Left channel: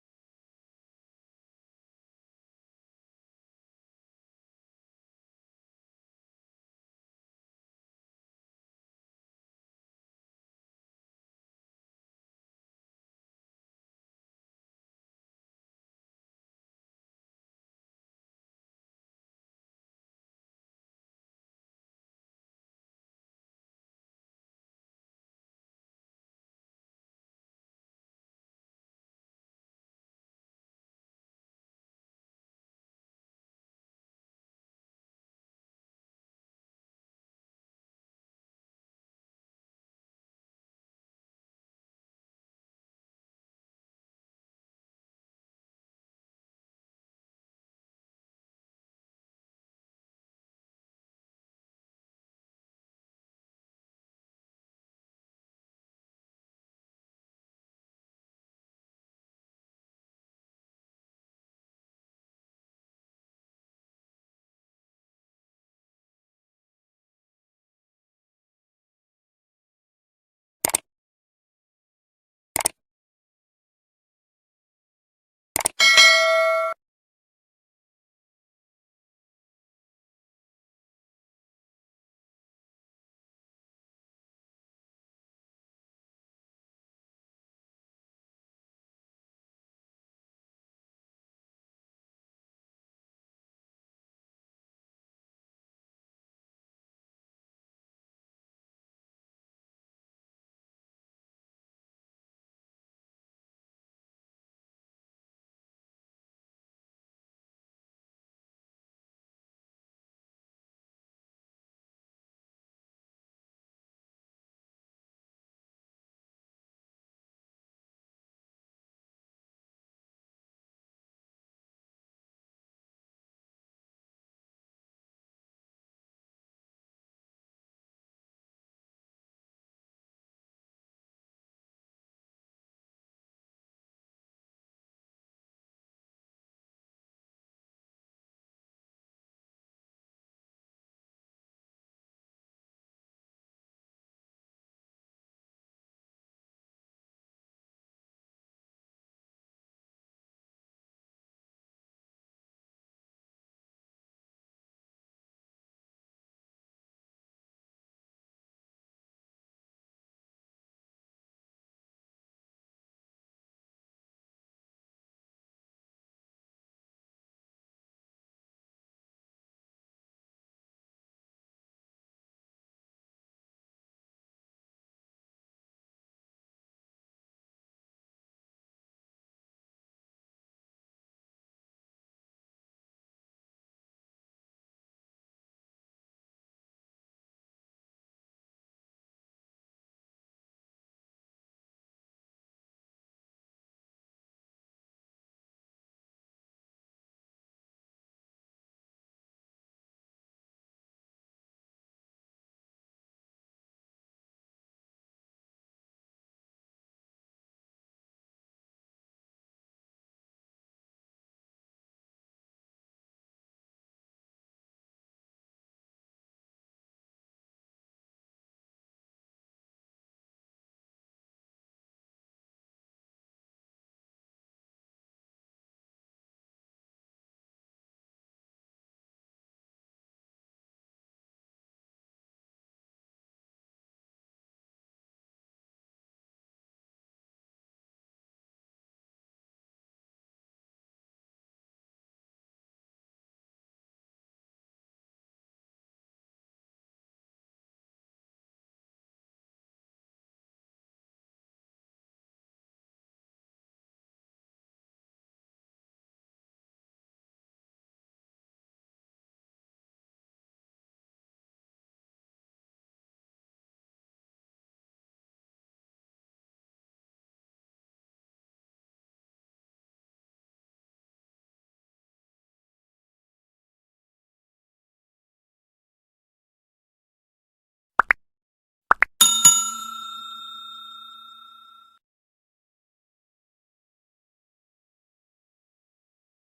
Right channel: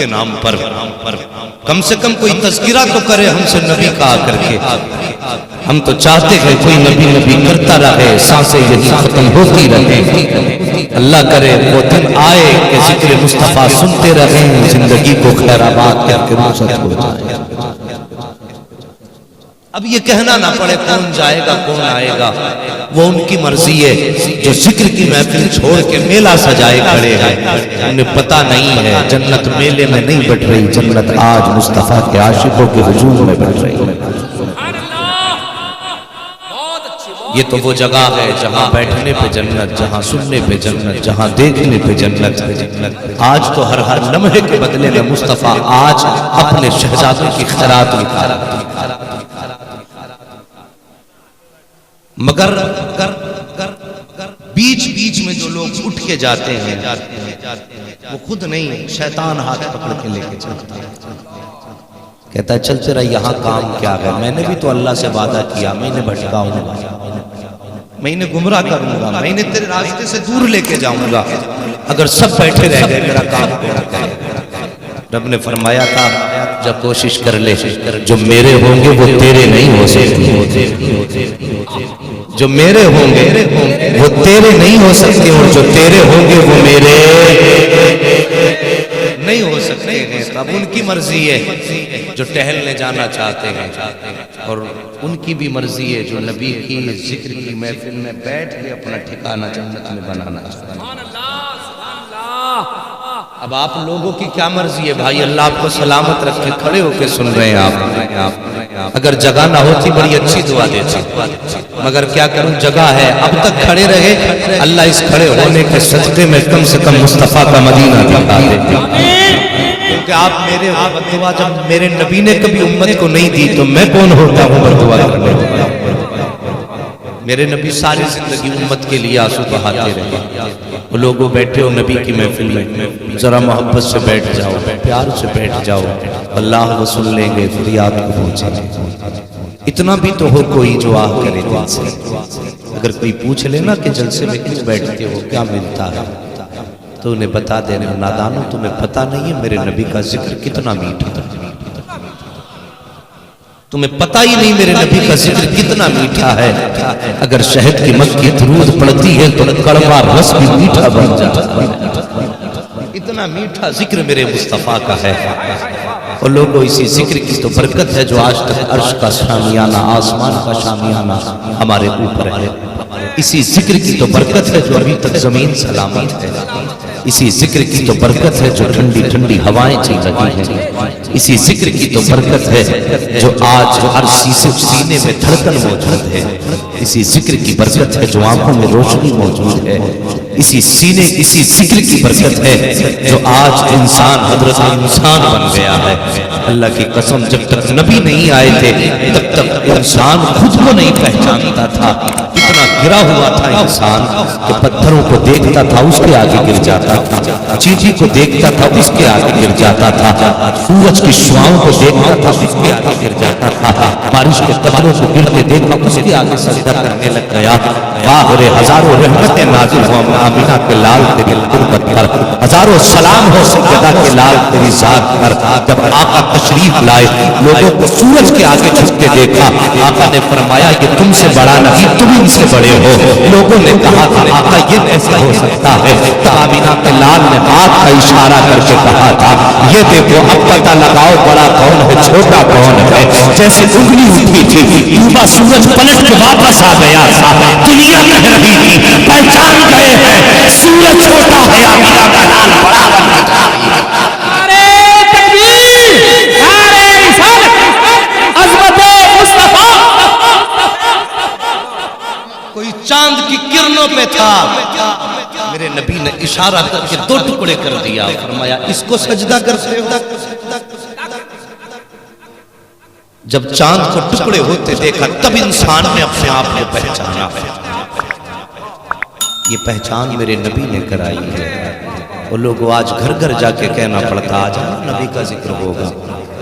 کے نام پر کم سے کم کوئی تذکرہ تو کرے ہم سے نبی کا آ کر کے. ہم تو چاہتے ہیں کوئی نبی نبی کرتا رہے, سانسیں یہی ختم ہوتی رہے. اللہ کرے وہ دن آئے کہ ذکر مصطفیٰ سنتے رہیں, زندگی کو خیر آباد کر کے رخصت ہو جائے. اب یہ کہنا نہ پڑے کون جائے گا کون آئے گا, وہ ان کی مرضی ہے. جو ذکر کی محفل چھوڑ کے میلہ سجائے کھڑے ہیں, انہیں پتہ نہیں ہے جنت میلے میں نہیں بٹ رہی, جنت آج مصطفیٰ کے عاشقوں کے حضور میں بٹ رہی ہے. یہ تو وہ جگہ ہے جہاں بیٹھنے پہ جنت, جہاں سننے پہ جنت, جہاں دیکھنے پہ جنت. آج تو ہر لمحے کے بدلے میں مصطفیٰ آج اپنے شہزادوں کی خیرات نکال. مگر بیچ بیچ میں جو لوگ اٹھ کے جاتے ہیں وہ خود نہیں, شیطان ہاتھ پکڑ کے لے کے چلتا ہے. کہتا ہے چل تیرا یہاں کام کیا ہے, میں نے بھی تو اللہ سے وعدہ کیا, میں نے بھٹکاؤں گا, میں انہیں گمراہ کروں گا, میں انہیں تیرے راستے سے دور لے کے جاؤں گا. اگر سب بیٹھے رہ گئے میرا کام کیا ہے. رب نے فرمایا تھا جب کوشش کر لے, جو میرے ہوں گے وہ تیرے نہیں ہو سکتے, جو میرے ہوں گے وہ تیرے نہیں ہو سکتے, اور جو تیرے ہوں گے وہ میرے نہیں ہو سکتے ہیں. اب ان کی مرضی ہے جو ٹہلنے جانا چاہتے ہیں, اور ان کی بھی مرضی ہے جو نبی کی ذکر کی محفل میں بیٹھ کے اپنا ٹھکانہ جنت میں بنانا چاہتے ہیں. اب آپ لوگوں کی کیا مرضی ہے بھائی؟ اللہ آپ کو سلامت رکھ کے, کھڑے ہو کے سن رہے ہیں آپ. اگر جگہ نہ ہوتی بڑی اچھی دعا دیتی, مگر کیا کروں جگہ ہے. اب تک کھڑے رہے, اللہ اس کھڑے ہونے کے صدقے میں کم سے کم مصطفیٰ کا مدینہ دکھا دے. کیونکہ آپ میرے دعا جب میرے نبی نے کبھی امت کو نہیں دی تو میں کون ہوتا ہوں بدعا کرنے والا. میرے نبی ساری زندگی امت کے لیے آنسو بہاتے رہے. وہ لوگوں بیٹھے ہو نبی کی محفل میں, ذرا محبت سے بیٹھ جاؤ, پیار سے بیٹھ جاؤ, اللہ وہ سن لیں گے, فریاد کو پہنچے. اتنا بھی تو ہو کوئی جو آہ کرے دل سے. اگر کوئی پوچھ لینا کہ جلسے میں کیوں بیٹھتے ہو, کیا ملتا ہے, تو انہیں بتا دینا نادانو تمہیں پتہ نہیں ہے میرے نبی کا ذکر کتنا میٹھا تھا. تمہیں پتہ ہی نہیں میرے نبی کا ذکر کتنا میٹھا ہے. اگر شہد کی مکھی درود پڑتی ہے تو کڑوا رس بھی میٹھا بن جاتا ہے. اتنا میٹھا ذکر میرے مصطفیٰ کا ہے. اور لوگوں اسی ذکر کی تو برکت ہے جو آج تک عرش کا شامیانہ, آسمان کا شامیانہ ہمارے اوپر ہے. اسی ذکر کی تو برکت ہے جو ابھی تک زمین سلامت ہے. اسی ذکر کی تو برکت ہے جو ٹھنڈی ٹھنڈی ہوائیں چل رہی ہیں. اسی ذکر کی تو برکت ہے جو آج ہر سینے میں دھڑکن موجود ہے. اسی ذکر کی برکت ہے جو آنکھوں میں روشنی موجود ہے. اسی ذکر کی برکت ہے جو آج انسان حضرت انسان بن گیا ہے. اللہ کی قسم جب تک نبی نہیں آئے تھے تب تک انسان خود کو نہیں پہچانتا تھا. اتنا گرا ہوا تھا انسان کہ پتھروں کو دیکھتا تھا اس کے آگے گر جاتا تھا, چیٹی کو دیکھتا تھا اس کے آگے گر جاتا تھا, سورج کی شعاؤں کو دیکھتا تھا اس کے آگے گر جاتا تھا, بارش کے قطروں کو گرتے دیکھا اس کے آگے سجدہ کرنے لگ گیا. باہر ہزاروں رحمتیں نازل ہوں آمینہ کے لال تیری قربت پر, ہزاروں سلام ہو سجدہ کے لال تیری ذات پر. جب آقا تشریف لائے لوگوں کو سورج کے آگے جھکتے دیکھا, آقا نے فرمایا یہ تم سے بڑا نہیں تم ان سے بڑے ہو. لوگوں نے کہا تھا آقا یہ کیسے ہو سکتا ہے؟ تو آمینہ کے لال نے ہاتھ کا اشارہ کر کے کہا تھا یہ دیکھو اب پتہ لگاؤ بڑا کون ہے چھوٹا کون ہے. جیسے انگلی اٹھی تھی ڈوبا سورج پلٹ کے واپس آ گیا تھا. دنیا کہہ رہی تھی پہچان گئے ہیں سورج چھوٹا ہے آمینہ کا لال بڑا بن گیا. کوئی چاند کی کرنوں پہ تھا, میرے نبی نے اشارہ کر کے دو ٹکڑے کر دیا, فرمایا اس کو سجدہ کرتے ہو. جب چاند کو ٹکڑے ہوتے دیکھا تب انسان نے اپنے آپ کو پہچانا. یہ پہچان میرے نبی نے کرائی ہے. وہ لوگ آج گھر گھر جا کے کہنا پڑتا آج نبی کا ذکر ہوگا,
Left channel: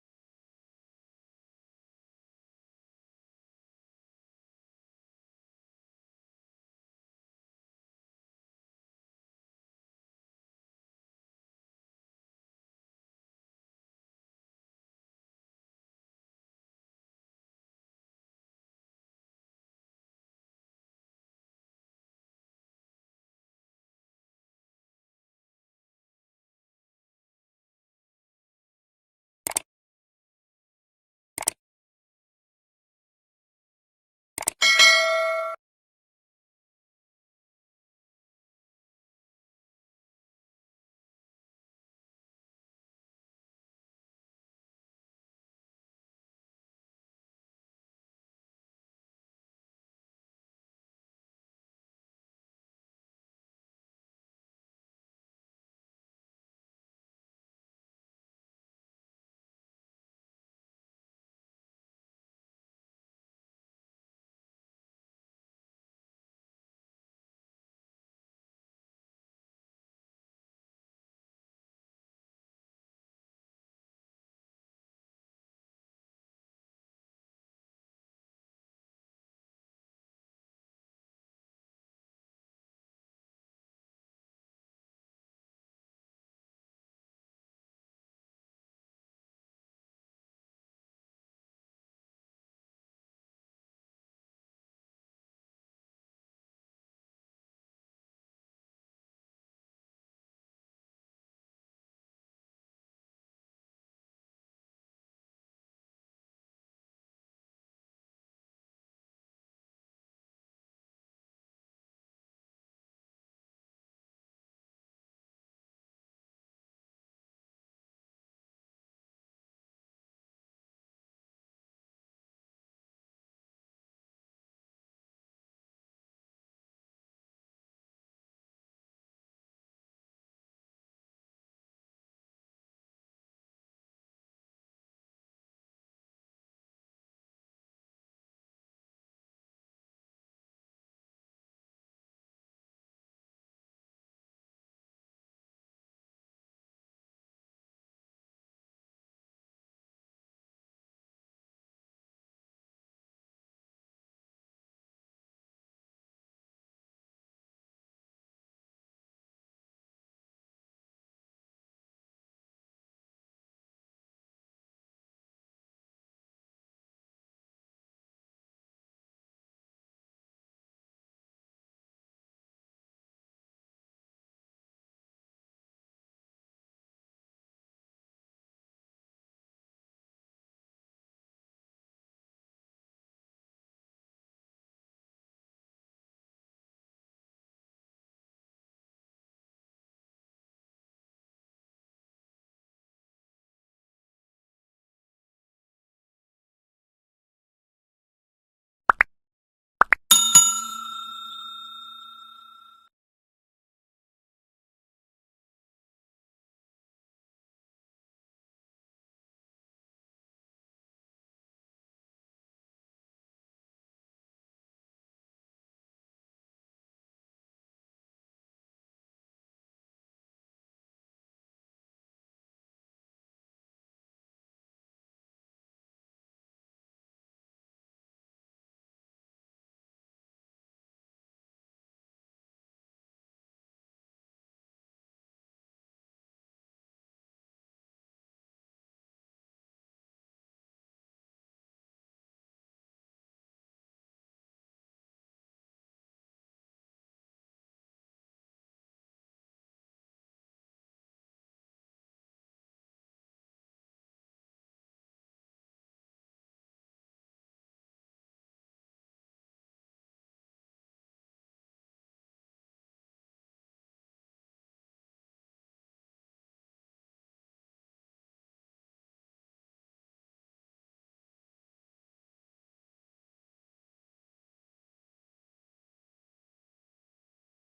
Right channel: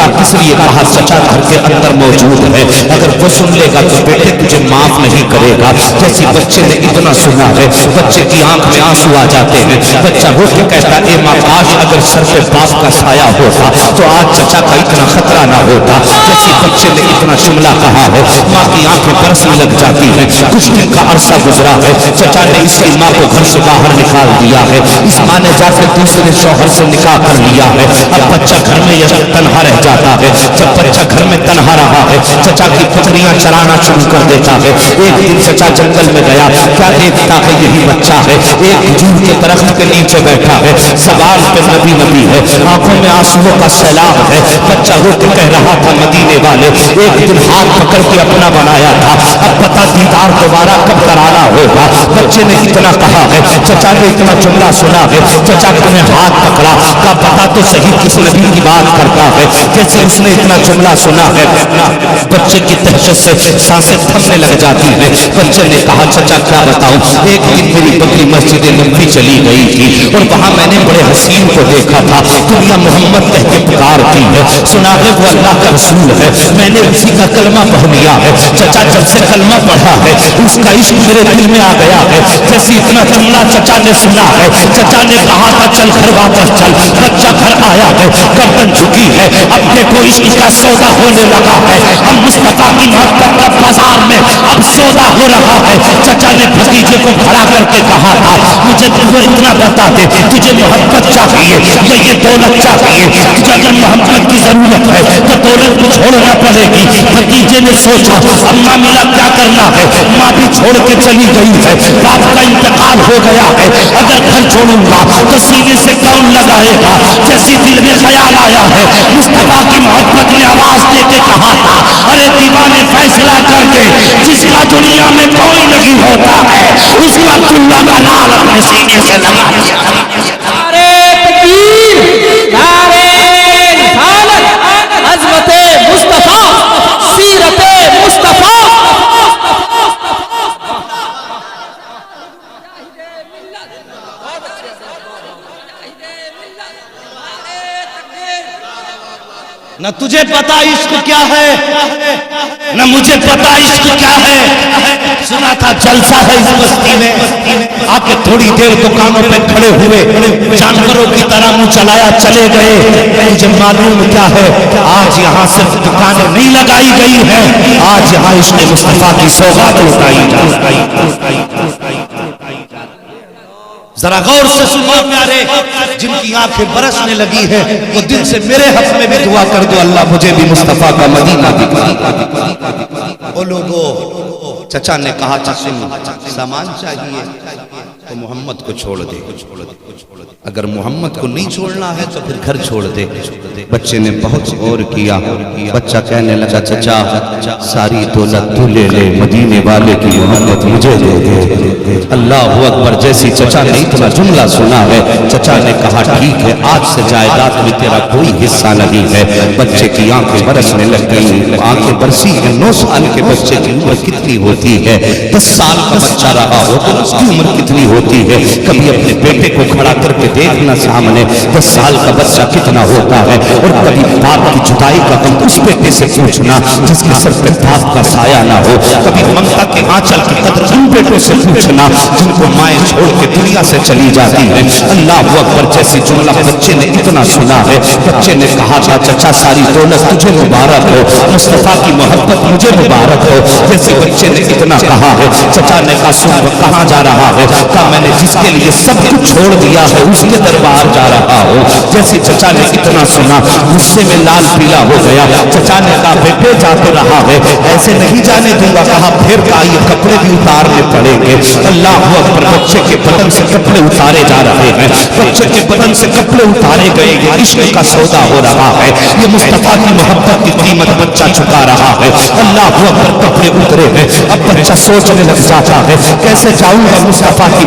دھکا کس لیے کہا؟ چچا گھر کے اندر موجود ہے، اگر وہ سن لے گا تو بیٹے تجھے معاف نہیں کرے گا۔ جیسی بچے نے اتنا سنا ہے، بچے کی آنکھ میں آنسو آ جاتے ہیں، بچہ رو کے کہتا اے ماں کاش اگر سر پہ باپ کا سایہ ہوتا تو آج چچا کا اتنا خطرہ نہ ہوتا۔ جیسی بچے نے اتنا جملہ کہا ہے، ماں کی آنکھیں برسنے لگ جاتی ہیں۔ کچھ دن کا عرصہ گزرا ہے، چچا نے اس کی ماں کو گھر سے باہر نکال دیا ہے، اس ماں نے جا کے دوسرے شوہر سے نکاح کر لیا ہے۔ اب بچہ گھر میں تنہا رہ جاتا ہے۔ جب بچہ گھر میں تنہا رہا ہے، چچا کی بکریاں چرانا شروع کر دیتا ہے۔ ایک دن چچا جنگل میں گیا، کیا دیکھتا ہے یہی بچہ ہے، ایک کھجور کے درخت کے نیچے بیٹھا ہے، زبان پہ نبی نبی ہے، آنکھوں میں آنسوؤں کا سیلاب ہے۔ بچہ رو کے کہہ رہا تھا مدینے والے ایک دن ہاتھ پکڑ کے اپنا بنایا تھا، اب پتہ دیدار دوبارہ کب کرانا ہوگا۔ بچے نے اتنا کہا ہے، چچا نے اتنا جملہ سنا ہے، چچا نے ہاتھ پکڑا، کا پتہ تو صحیح کس نبی کی بات کرتا ہے۔ جیسے اس نے اتنا جملہ سنا ہے، بچے کی دہشت سے سانسیں تھمنے لگ جاتی ہیں۔ بچے نے کہا چچا کیا بتاؤں، ایک دن میری بکری مسجد نبوی چلی گئی تھی اور وہاں میں نے بڑے حسین کو دیکھا تھا، دنیا محمد کہہ کے پکارتی ہے، سنا ہے وہ اللہ کا رسول ہے، میں نے اسی کا کلمہ پڑھ لیا ہے۔ چچا جب سے کلمہ پڑھا ہے اس کا عشق میرے دل میں آ گیا ہے۔ جیسے اتنا جملہ چچا نے سنا ہے، چچا نے کہا تھا چل گھر واپس چل۔ بچہ گھر آیا ہے، گردن جھکی ہے، اب دیکھو عشق کا سودا ہونے لگا ہے، اب مصطفیٰ کی محبت کا بازار میں اب سودا ہو رہا ہے۔ چچا نے بھتیجے کو کھڑا کر کے کہا تھا مجھے تو اتنا بتا دے تجھے محبت چاہیے یا یہ دولت چاہیے، تجھے اگر محبت کی ضرورت ہے تو دولت کو چھوڑنا پڑے گی۔ بھتیجے نے سوچا اماں ملا کیا کرنا ہے، ماں بھی چھوڑ کے چلی گئی ہے، باپ کا انتقال ہو گیا ہے، اگر گھر چھوڑوں گا تو سینے سے کون لگائے گا۔ جیسی دل میں خیال آیا ہے، مصطفیٰ کی محبت نے آواز دے کے کہا تھا ارے دیوانے فیصلہ کر کے جس کا دنیا میں کوئی نہیں ہوتا ہے اس کا اللہ کا لال اپنے سینے سے لگا دیا۔ نعرے تکبیر، نعرے رسالت، عظمت مصطفیٰ، سیرت مصطفیٰ۔ نہ تجھے پتا عشق کیا ہے نہ مجھے پتا عشق کیا ہے، سنا تھا جلسہ ہے اس بستی میں، آ کے تھوڑی دیر دکانوں پہ کھڑے ہوئے، جانوروں کی طرح منہ چلایا چلے گئے۔ مجھے معلوم کیا ہے، آج یہاں صرف دکانیں نہیں لگائی گئی ہیں، آج یہاں عشق مصطفیٰ کی سوغات لٹائی جائے۔ ذرا غور سے سنو پیارے، جن کی آنکھیں برسنے لگی ہیں وہ دل سے میرے حق میں بھی دعا کر دو اللہ مجھے بھی مصطفیٰ کا مدینہ دکھا۔ او لوگو، چچا نے کہا چسن سامان چاہیے تو محمد کو چھوڑ دے، اگر محمد کو نہیں چھوڑنا ہے تو پھر گھر چھوڑ دے۔ بچے نے بہت غور کیا، بچہ کہنے لگا چچا ساری دولت تو لے لے، مدینے والے کی محبت مجھے دے دے۔ اللہ اکبر، جیسی چچا نے اتنا جملہ سنا ہے، چچا نے کہا ٹھیک ہے آج سے جائیداد میں تیرا کوئی حصہ نہیں ہے۔ بچے کی آنکھیں برسنے لگ گئی، آنکھیں برسی ہیں۔ 9 سال کے بچے کی عمر کتنی ہوتی ہے؟ 10 سال کا بچہ رہا ہو تو اس کی عمر کتنی ہوتی ہے؟ کبھی اپنے بیٹے کو کھڑا کر کے دیکھنا سامنے 10 سال کا بچہ کتنا ہوتا ہے، اور کبھی باپ کی جدائی کا غم اس بیٹے سے پوچھنا جس کے سر پہ باپ کا سایہ نہ ہو، کبھی ممتا کے آنچل کی قدر ان بیٹوں سے پوچھنا جن کو مائیں چھوڑ کے دنیا سے چلی جاتی ہیں۔ اللہ اکبر، جیسی جملہ بچے نے اتنا سنا ہے، بچے نے کہا تھا چچا ساری دولت تجھے مبارک ہو، مصطفیٰ کی محبت مجھے مبارک ہو۔ جیسے بچے نے اتنا کہا ہے، چچا نے کہا سن کہاں جا رہا ہے؟ کہا میں نے جس کے لیے سب کچھ چھوڑ دیا ہے اس کے دربار جا رہا ہو۔ جیسے چچا نے اتنا سنا غصے میں لال پیلا ہو گیا۔ چچا نے کہا بیٹے جا تو رہا ہے، ایسے نہیں جانے دوں گا۔ کہا پھر کا یہ کپڑے بھی اتارنے پڑیں گے۔ اللہ اکبر، بچے کے بدن سے کپڑے اتارے جا رہے ہیں، بچے کے بدن سے کپڑے اتارے گئے، یہ عشق کا سودا ہو رہا ہے، یہ مصطفیٰ کی محبت کی قیمت بچہ چکا رہا ہے۔ اللہ اکبر، کپڑے اترے ہیں، اب بچہ سوچنے لگ جاتا ہے کیسے جاؤں گا مصطفیٰ کی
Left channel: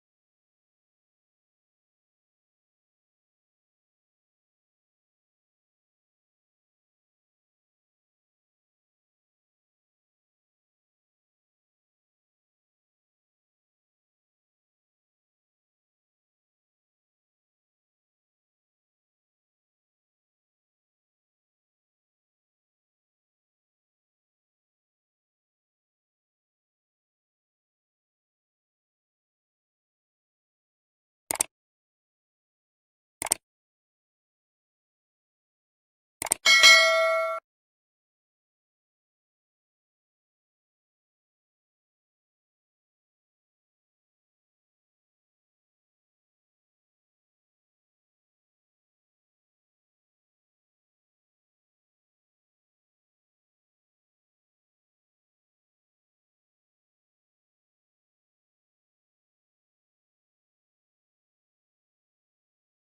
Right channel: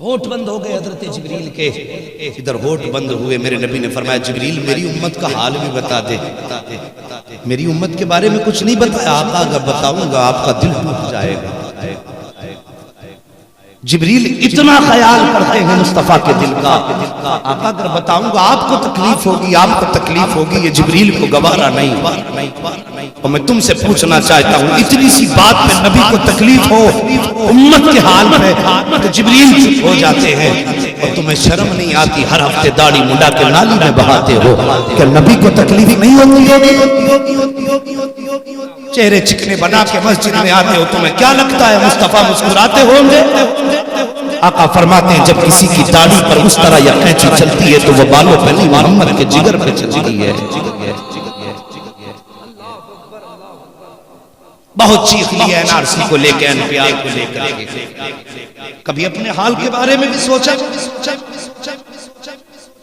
ہوٹ بند ہو گئے حضرت جبریل کے. ادھر ہوٹ بند ہوئے, میرے نبی نے فرمایا جبریل میری امت کا حال بھی بتا دے, میری امت کے بارے میں کچھ نہیں بتایا. آقا اگر بتاؤں گا آپ کا دل ٹوٹ جائے گا. جبریل اتنا خیال کرتے ہیں مصطفیٰ کے دل کا. آقا اگر بتاؤں گا آپ کو تکلیف ہوگی, آپ کو تکلیف ہوگی, یہ جبریل کو گوارا نہیں. اور میں تم سے پوچھنا چاہتا ہوں, اتنی سی بات پہ نبی کو تکلیف ہو امت کے حال میں تو جبریل چپ ہو جاتے ہیں, اور تمہیں شرم نہیں آتی ہر ہفتے داڑھی منڈا کے نالی میں بہاتے ہو کہ نبی کو تکلیف نہیں ہوتی. چہرے چکنے بنا کے مسجد میں آتے ہو, تمہیں کیا لگتا ہے مصطفیٰ مسکراتے ہوں گے؟ آقا فرماتے ہیں جب کسی کی داڑھی پر اس طرح یا قینچی چلتی ہے تو وہ بالوں پہ نہیں, محمد کے جگر پہ چلتی ہے. بہت چیخ لی ہے NRC کو لے کے, NPR کو لے کر. کبھی اپنے حال کے بارے میں بھی سوچا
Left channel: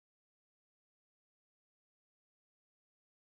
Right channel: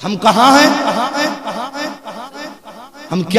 ہم کہاں ہیں, ہم کیا